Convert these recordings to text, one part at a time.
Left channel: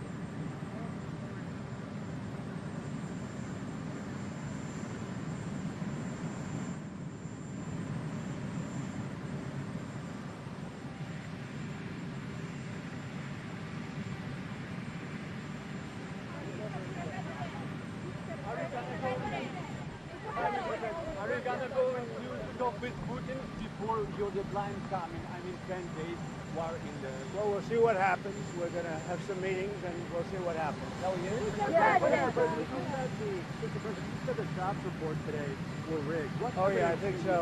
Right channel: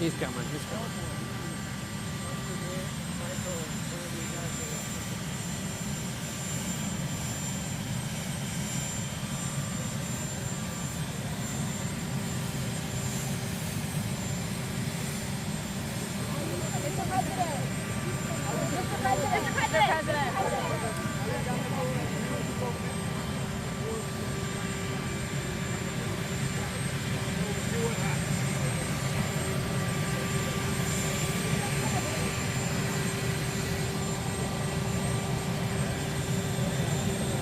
He's coming. He's coming. Well, we'll see what happens. That's the meeting, and then we'll see what happens. Oh, yeah, I think so.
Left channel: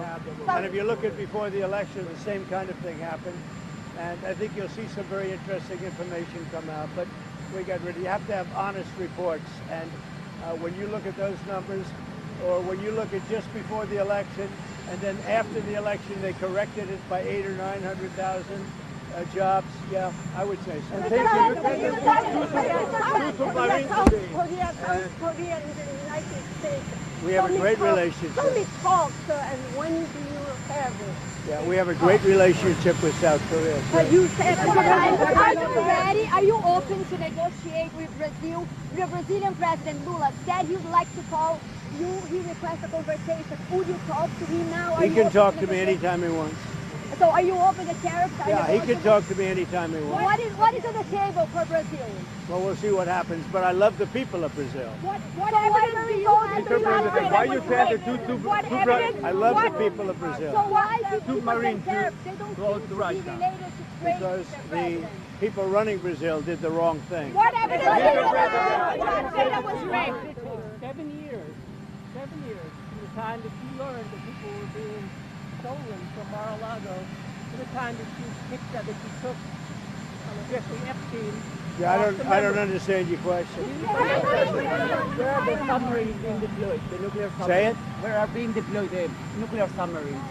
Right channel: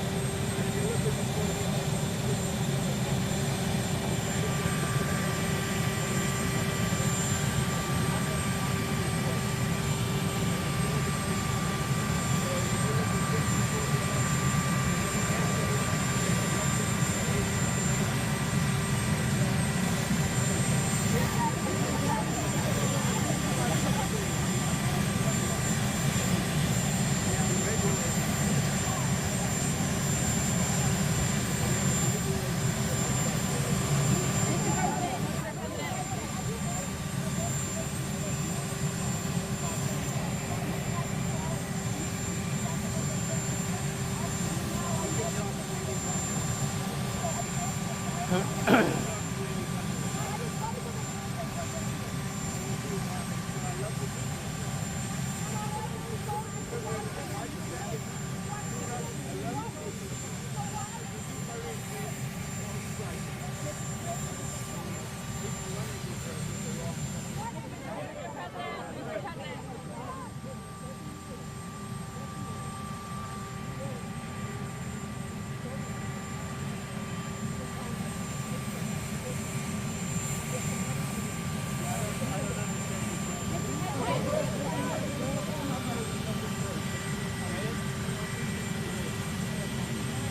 And if you look at before the election, the same kind of thing happened. And I think you'll see some very interesting information come out. But you have to have honest reports. And when you look at those numbers, or when you look at just before the election, and then after the election they corrected it by 800,000 or 900,000 jobs, I would say. We have a great relationship. Yeah, we have a great relationship with South Korea. You said, are you ready? Are you open to negotiate with Brazil? The Brazilian President Lula said he'd like to call you. He requested a conversation. Would you talk to him now? He can talk to me anytime he wants. So are you open to tariffs? Yeah, he can talk to me anytime he wants. What is on the table for Brazil? Well, we'll see what happens, but I love the people of Brazil. What evidence do you have? Mr. President, why you said the I love the people of Brazil. So why two Marines close to Russia? Because the people running Brazil did the wrong thing. What evidence do you have? That was raped. 7 years. 7 years. The time that you learned that people were being stolen from Mar-a-Lago, the time that you took from Jesse Epstein. Yeah, I don't understand your question. Where are the submarines being deployed? The nuclear submarines. Say it? Where are being deployed the nuclear submarines?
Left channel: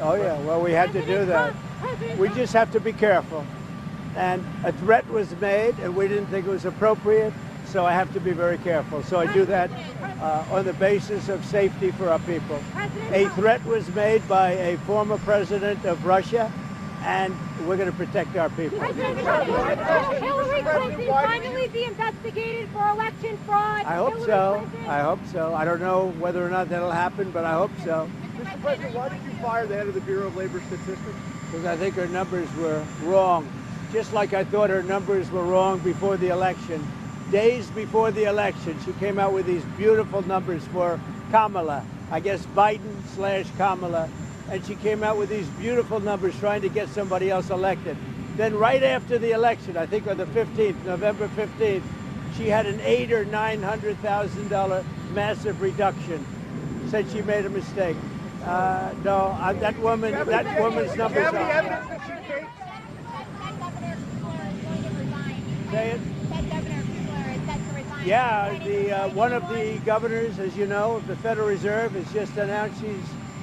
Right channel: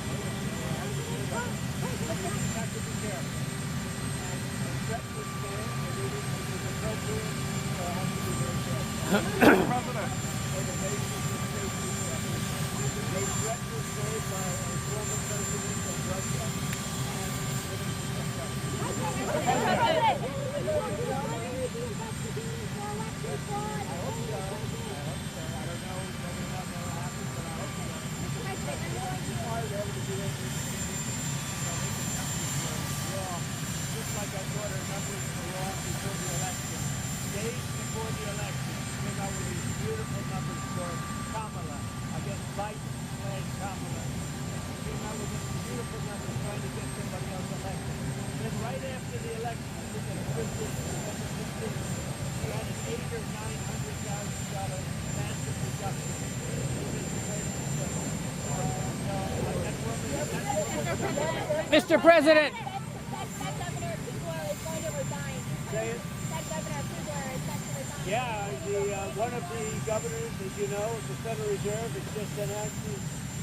Oh yeah, well we had to do that. We just have to be careful. And a threat was made and we didn't think it was appropriate, so I have to be very careful. So I do that on the basis of safety for our people. A threat was made by a former president of Russia, and we're going to protect our people. Hillary Clinton finally be investigated for election fraud. I hope so. I hope so. I don't know whether or not that'll happen, but I hope so. President, why did you fire the head of the Bureau of Labor Statistics? Because I think her numbers were wrong. Just like I thought her numbers were wrong before the election. Days before the election, she came out with these beautiful numbers for Kamala. I guess Biden/Kamala. And she came out with these beautiful numbers trying to get somebody else elected. Then right after the election, I think on the 15th, November 15th, she had an $800,000 or $900,000 massive reduction. Said she made a mistake. No, that woman's numbers are. Mr. President. Say it. Yeah, one of the governors, as you know, of the Federal Reserve has just announced she's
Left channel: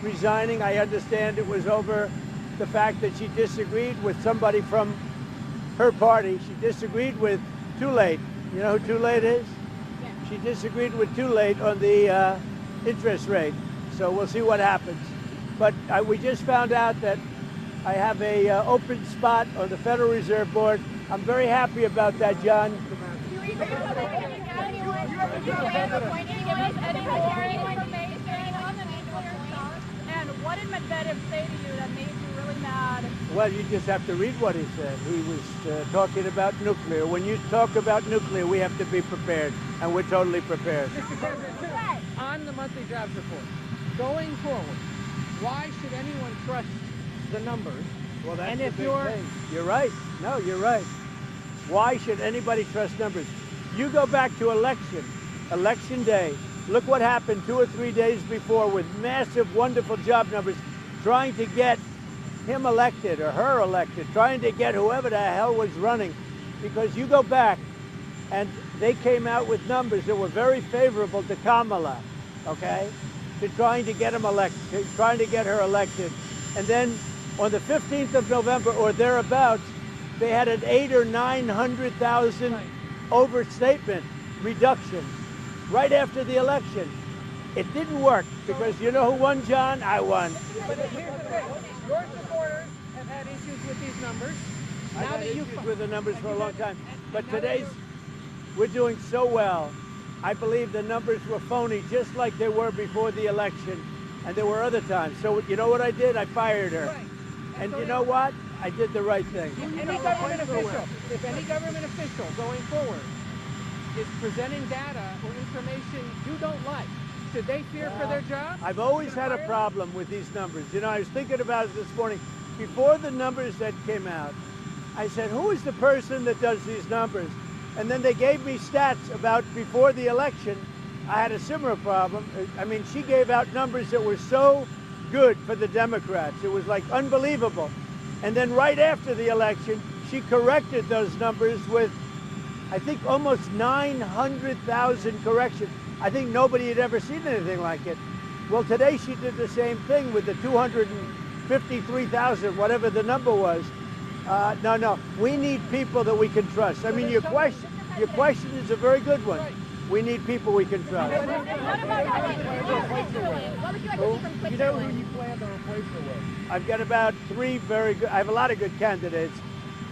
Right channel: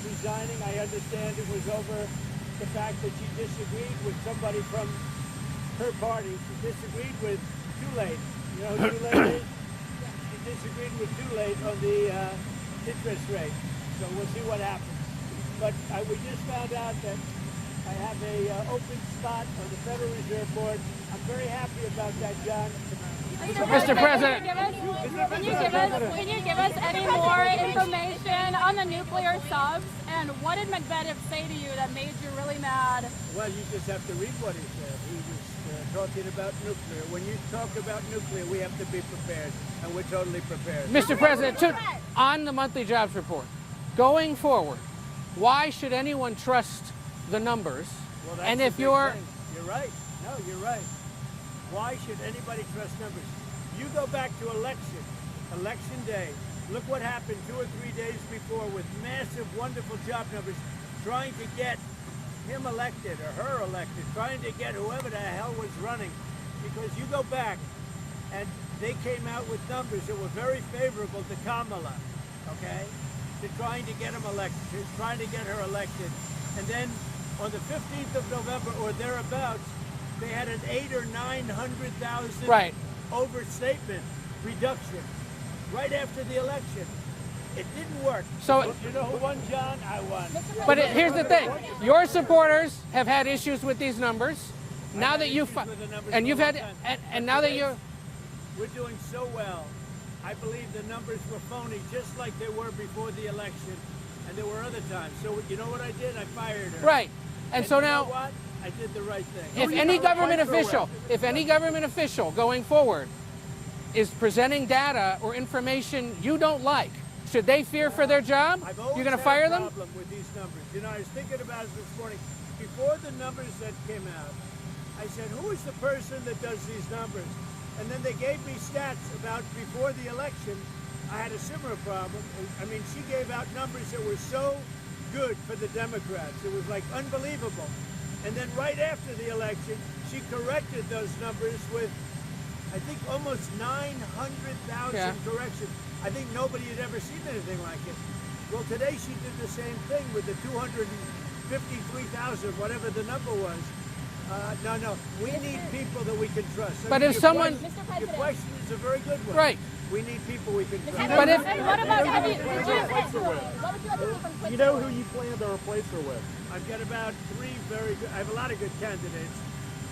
resigning. I understand it was over the fact that she disagreed with somebody from her party. She disagreed with Too-Late. You know who Too-Late is? She disagreed with Too-Late on the interest rate. So we'll see what happens. But we just found out that I have a open spot on the Federal Reserve Board. I'm very happy about that, John. Mr. President. Can you give us any more information on the nuclear subs? And what did Medvedev say to you that made you really mad? Well, you just have to read what he said. He was talking about nuclear. When you talk about nuclear, we have to be prepared, and we're totally prepared. Mr. President, on the monthly jobs report, going forward, why should anyone trust the numbers? Well, that's and the if big you're... thing. You're right. No, you're right. Why should anybody trust numbers? You go back to election day. Look what happened 2 or 3 days before with massive, wonderful job numbers, trying to get him elected or her elected, trying to get whoever the hell was running. Because you go back and they came out with numbers that were very favorable to Kamala, okay? To trying to get him elected, trying to get her elected. And then on the 15th of November or thereabouts, they had an 800,000 or 900,000 overstatement reduction right after the election. It didn't work. So because you know who won, John? I won. But here's the thing: your supporters have had issues with these numbers. Now that you've with the numbers and for you've a long had time. and But now that you're We're doing so well. I believe the numbers were phony, just like they were before the election, and there were other times. So you know what I did? I fired her. Right. And so you now, know what? I did the right thing. if any government official going forward is presenting data or information you don't like, should they fear for their job? I've always You're had gonna fire a them? problem with these numbers. You know, I was thinking about it this morning. Before the numbers that came out, I said, who is the person that does these numbers? And then they gave me stats about before the election. I had a similar problem. I mean, she gave out numbers that were so good for the Democrats. It was like unbelievable. And then right after the election, she corrected those numbers with, I think, almost 900,000 corrections. I think nobody had ever seen anything like it. Well, today she did the same thing with the 253,000, whatever the number was. No, we need people that we can trust. I But mean, if someone... your question is a very good one. Right. We need people we can trust. But if... You know who you plan to replace her with? I've got about 3 very good, I have a lot of good candidates.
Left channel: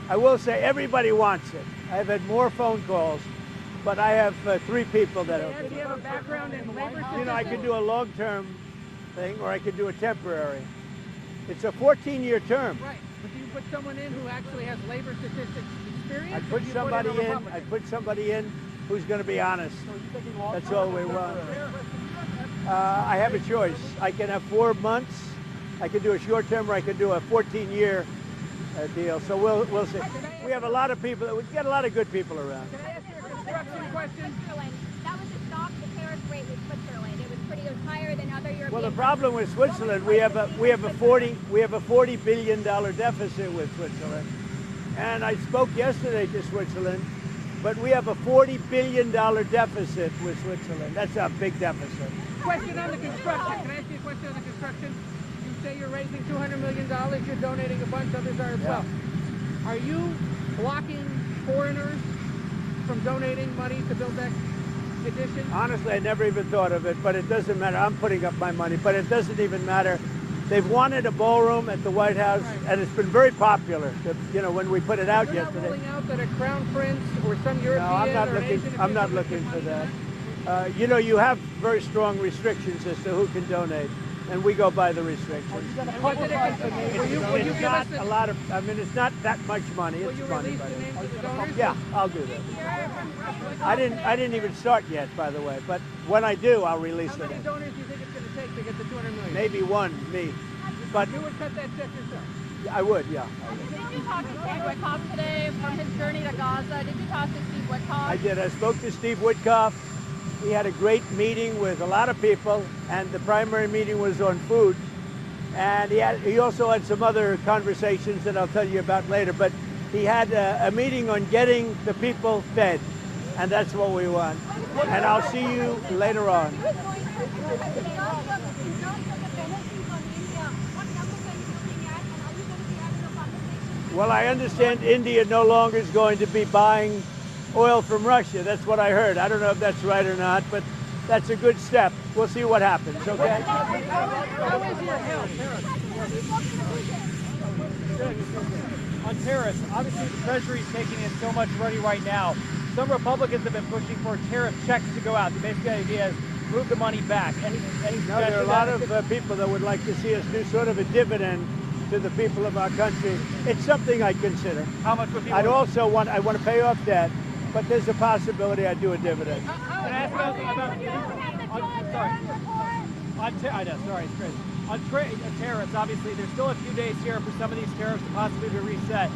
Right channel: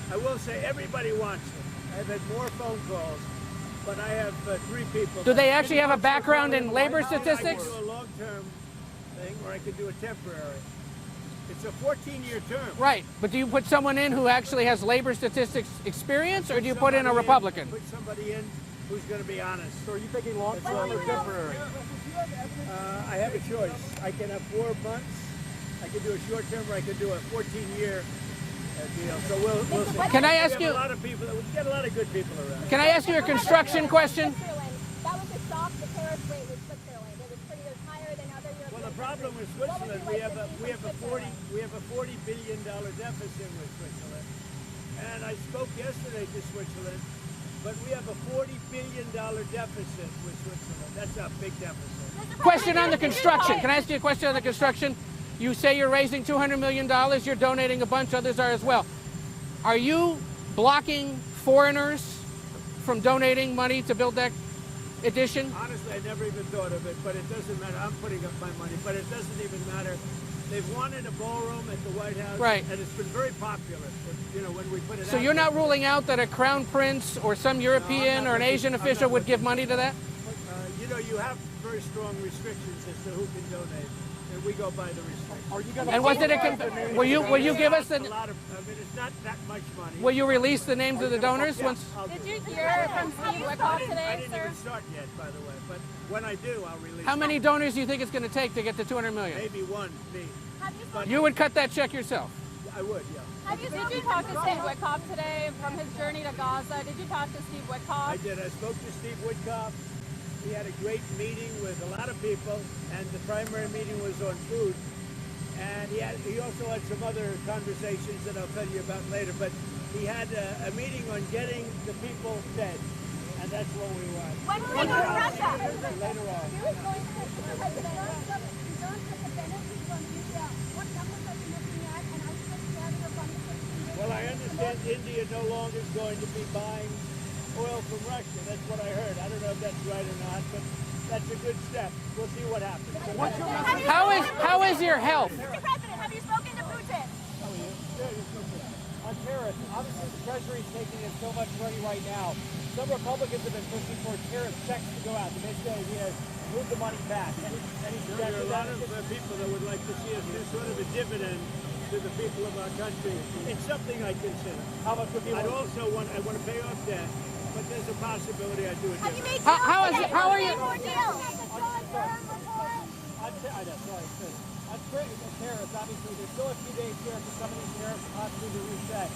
I will say everybody wants it. I've had more phone calls, but I have 3 people. Do they actually have a background in labor I can statistics? do a long-term thing, or I can do a temporary. It's a 14-year term. Right, but do you put someone in who actually has labor statistics experience, or do you put in a somebody Republican? I put somebody in who's going to be honest. So are you thinking long That's term all or we want. temporary? I have a choice. I can have 4 months. I can do a short term, or I can do a 14-year deal. So we'll see. Can I ask we have you- a lot of people. We've got a lot of good people around. Can I ask you a construction question? That was a shock, the tariff rate with Switzerland. It was higher than other European Well, the problem with Switzerland, we have a $40 billion deficit with Switzerland, and I spoke yesterday to Switzerland, but we have a $40 billion deficit with Switzerland. That's a big deficit. Question on the construction. Can I ask you a question on the construction? You say you're raising $200 million. You're donating a bunch. Others are as well. Are you blocking foreigners from donating money to build that addition? Honestly, I never even thought of it, but it doesn't matter. I'm putting up my money, but it doesn't even matter. They've wanted a ballroom at the White House, Right. and it's been very popular. You know, when we put it So out. you're not yesterday. ruling out that a crown prince or some No, European I'm not or an looking- Asian I'm official not would give looking money for to that? You know, you have very strong restrictions as to who can donate, and we go by the restrictions. And what did it? Will you It's give us not a the? lot of? I mean, it's not that much money. Will It's you money, release but- the names of the donors? Yeah, once- I'll do Did you that. hear from Steve Wickoff I today? didn't even start yet, by the way. But when I do, I'll release. How many them. donors do you think it's going to take to get to 200 million? Maybe one, me. But you would cut that check yourself. I would, yeah. Did you talk to Steve Wickoff today from his journey to Gaza? Did you talk to Steve Wickoff? I did. I spoke to Steve Wickoff. He had a great meeting with a lot of people, and the primary meeting was on food. And he also had some other conversations that I'll tell you about later. But he had a meeting on getting the people fed, and that's what we want. And I'll see you later on. Well, I understand India no longer is going to be buying oil from Russia. That's what I heard. I don't know if that's right or not, but that's a good step. We'll see what happens, okay? How is your health? Have you spoken to Putin? On tariffs, obviously the Treasury's taking in so much money right now. Some Republicans have been pushing for tariff checks to go out. The basic idea is move the money back. Any No, there are a lot of people that would like to see us do sort of a dividend to the people of our country. It's something I'd consider. How much would I want to pay off debt, but there's a possibility I'd do a dividend. How are you? I know, sorry, Chris. On tariffs, obviously, there's still a few days here for some of these tariffs to possibly be reset.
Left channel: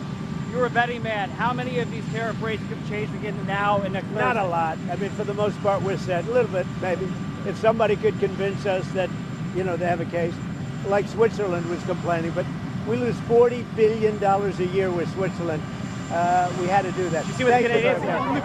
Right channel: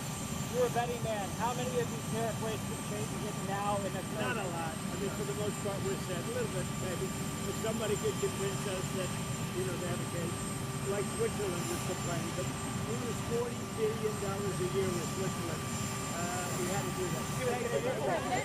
You're a betting man. How many of these tariff rates could change again now and next? Not a lot. I mean, for the most part, we're set. A little bit, maybe. If somebody could convince us that, you know, they have a case, like Switzerland was complaining, but we lose $40 billion a year with Switzerland. We had to do that. You see what the Thank you Canadians very much.